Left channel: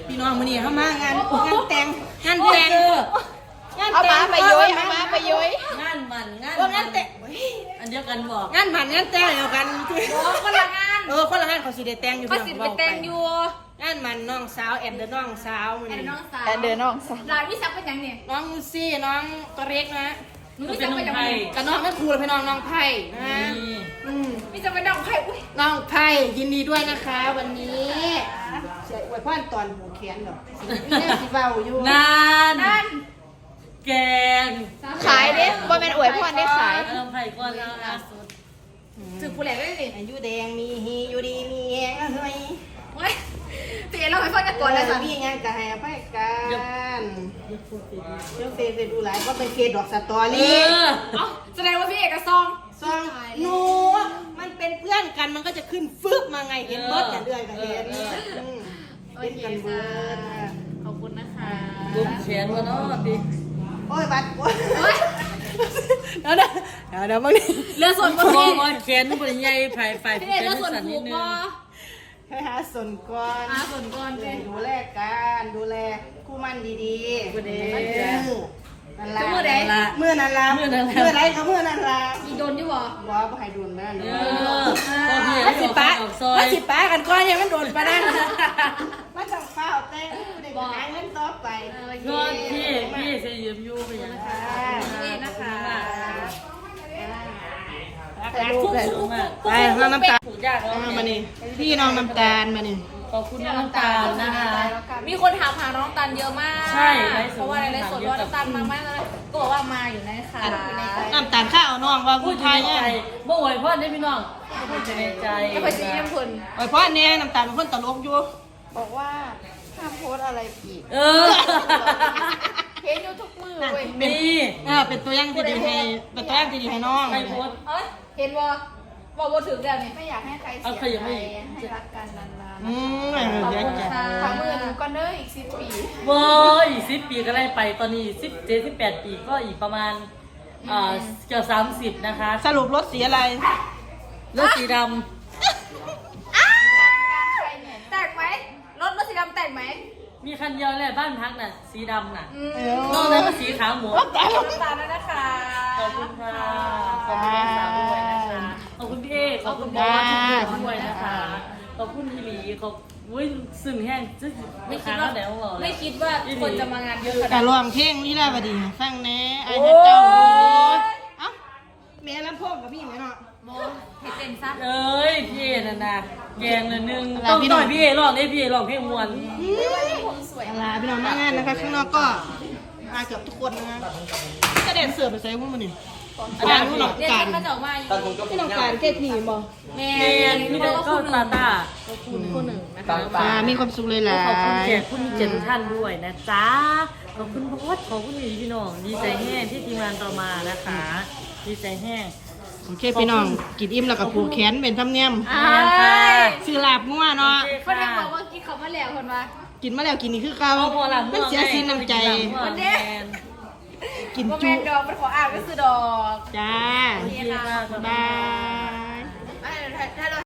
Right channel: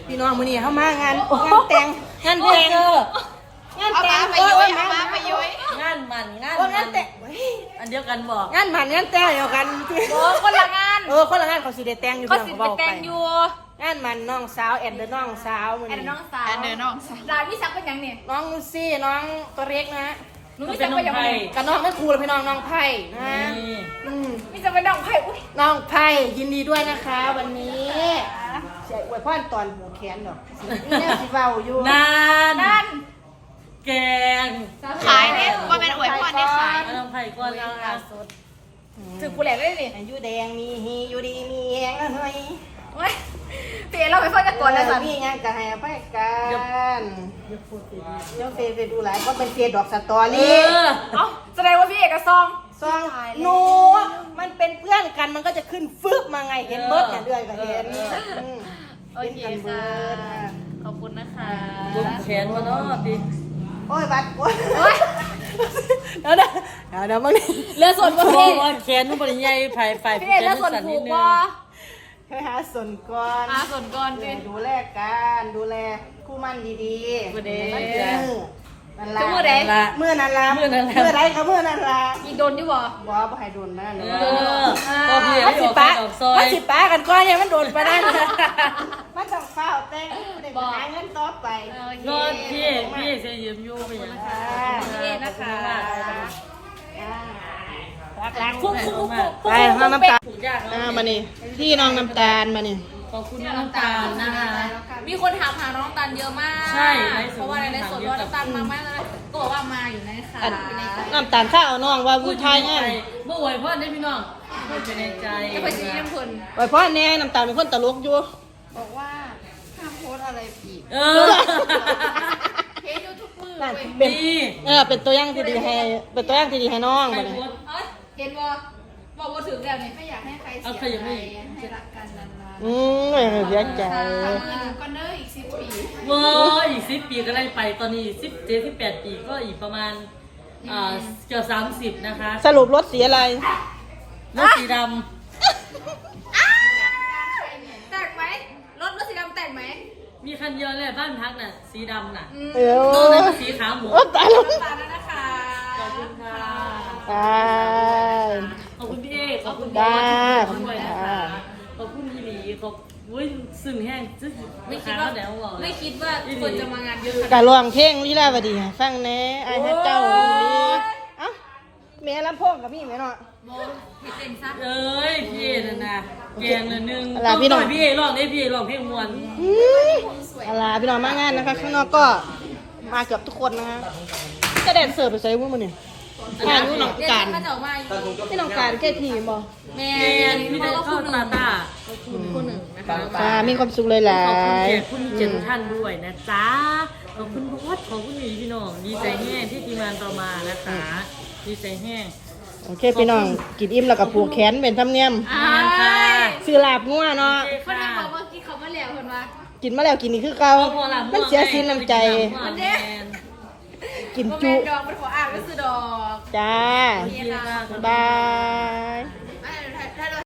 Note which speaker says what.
Speaker 1: พี่น้องมื้อนี้เข้ามางานแต่งงานแต่งงานแต่งไปย้อยไปย้อย
Speaker 2: งานมันงาน
Speaker 1: แต่ง
Speaker 2: อันเดียวกันบอก
Speaker 1: งานมันงานแต่งเดียวกัน
Speaker 3: คนละงาน
Speaker 1: คนละงานเขาสิได้แต่งอยู่
Speaker 3: เขาสิไปแต่งอยู่
Speaker 1: งานมันน้องสาวแอนเดอร์น้องสาวมื้อนี้
Speaker 3: แอนน้องสาวลายวิสักเป็นยังเนี่ย
Speaker 1: น้องลูซี่น้องตัวเล็กนะ
Speaker 3: หนูวิสักเป็นยังไง
Speaker 1: กับน้องไม่ครูเลยพี่น้องไผ่นะ
Speaker 3: วิสักเป็นน้องไผ่
Speaker 1: น้องไผ่ยินดีด้วยนะคะวันนี้เสียอวยพรตอนหูแขนดอกนี่สิเว้าอยู่
Speaker 2: นั่นแกง
Speaker 3: ขายเนี่ยว่าเป็นอวยพรได้ขาย
Speaker 2: น้องไผ่ก่อนเอา
Speaker 3: ถึงกูแหลกได้ดิ
Speaker 1: อายุแดงมีฮีอยู่ดีมีแหงเฮ้ย
Speaker 3: เตี๋ยเราไปฟังกันก่อนนะสัน
Speaker 1: มีงานกับให้ไปกันเดี๋ยวเฟซดูหลายก็เป็นเฟซดอกสตอรี่
Speaker 3: แสดงว่าพี่เอกซอง
Speaker 1: หนูมันเป็นเพื่อนกันมันก็จะขึ้นฟึบมาไงเห็นเบิร์ดอย่างเดือยกับเห็นเป็นกันเบิร์ด
Speaker 3: ขอบคุณนะคะ
Speaker 2: บุ้มแขนวะเนาะดิ
Speaker 1: โอ้ยบัดโอ้ยเดี๋ยวบางที
Speaker 3: เรือส่วน
Speaker 2: พี่แขนมันเป็นใหญ่ไฟ
Speaker 3: พี่เรือส่วนผูกบ่
Speaker 1: ให้หาส่วนก่อนดูแลกันดูแลคู่มั่นดีๆ
Speaker 2: ประเดี๋ยว
Speaker 1: นั่นละเมื่อนั้นละเมื่อไรครับเมื่อนั้นละ
Speaker 3: มีโดนอยู่บ่
Speaker 1: ให้โดนมานั่นเลย
Speaker 2: มันสิ
Speaker 1: ป้ากันก้อนยังมันโดนไปนั่นมันต้องเฝ้าแต่งเด็กหาเงินต่อไป
Speaker 2: ก็พี่จะยืมยูไปยัง
Speaker 3: นี่นะคะ
Speaker 1: ไปน้ำตาลมานี่พี่น้องน้ำตาลมานี่
Speaker 2: ขอบคุณน้ำตาลนะคะ
Speaker 3: มีคนถามหาน้องตาลเยอะมาก
Speaker 2: ใช่
Speaker 3: เพราะว่าในสดว่าน้ำตาลมาไหมก็บอกว่ามาอยู่นะคะ
Speaker 1: น้ำตาลข้าวน้องว่า
Speaker 2: พูดในใจเมื่อไหร่พ่อได้พี่น้องพูดในใจ
Speaker 3: ก็ไปซีน้ำพุน
Speaker 1: ไหวพ่อเนี่ยน้ำตาลเป็นคนตลกอยู่
Speaker 3: บอกว่าห้ามโพสอะไรอีกเห็นอยู่ทุกมือเว้ย
Speaker 1: เป็นตัวอย่างที่ดีให้น้อง
Speaker 2: ไม่โพส
Speaker 3: เห็นบอกถึงแล้วเนี่ยไม่อยากให้ใครเสียใจให้รักกันนานๆ
Speaker 1: เรียกกัน
Speaker 3: ทำมือหนึ่งก็เนออีก10 ปี
Speaker 2: อีก10 ปีก็ได้ไปตอนนี้17-18 ปีก็อีกประมาณเกือบ30นะคะ
Speaker 1: สรุปรถสีอะไร
Speaker 2: รถสีดำ
Speaker 3: แตกไหมรถสีดำแตกไหม
Speaker 2: มีคันเดียวเลยบ้านพักน่ะสีดำน่ะตอนนั้นก็สีขาวหมด
Speaker 3: น้ำตาลด้วยนะคะ
Speaker 2: ขอบคุณค่ะขอบคุณพี่เอขอบคุณบอสด้วยนะคะขอบคุณพี่หลีขอบซึ่งแห้งไม่คิดว่าคนจะมางานเยอะขนาด
Speaker 1: การรวมเท่งนี่แหละพอดีฟังแน่ไอ้เจ้าแม่ลำโพงกับพี่ไหมเนาะ
Speaker 3: เห็นซับ
Speaker 2: พี่นั่นนะแกงเลยนึงต้องต่อยพี่ร้องพี่ร้องเพลงมวน
Speaker 1: อะไรพี่น้องมางานนะคะข้างนอกก็มาเกือบทุกคนนะคะจะแดนเสิร์ฟไปใช้วุ้นมันนี่อาจารย์ผู้หลักการที่หลักการแค่ทีมบอ
Speaker 2: แม่พี่เด็กก็ตา
Speaker 3: คนหนึ่งนะคะ
Speaker 1: มีความสุขเลยแหละ
Speaker 2: ขอบคุณแขกผู้มีเกียรติท่านด้วยนะจ๊ะขอบคุณบอสขอบคุณพี่น้องดีใจแห้งที่ทีมงานต่อมานะคะดีใจแห้ง
Speaker 1: โอเคพี่น้องกินอิ่มแล้วก็ผูกแขนเป็นธรรมเนียมซื้อลาบงัวเนาะ
Speaker 3: คนที่บอกว่ากินเขามาแล้วคนว่า
Speaker 1: กินมาแล้วกินนี่คือเก่ามันเสียสินน้ำใจกินจุ
Speaker 3: ดอกมันขออ่านก็คือดอก
Speaker 1: จ้า
Speaker 3: บ
Speaker 1: าย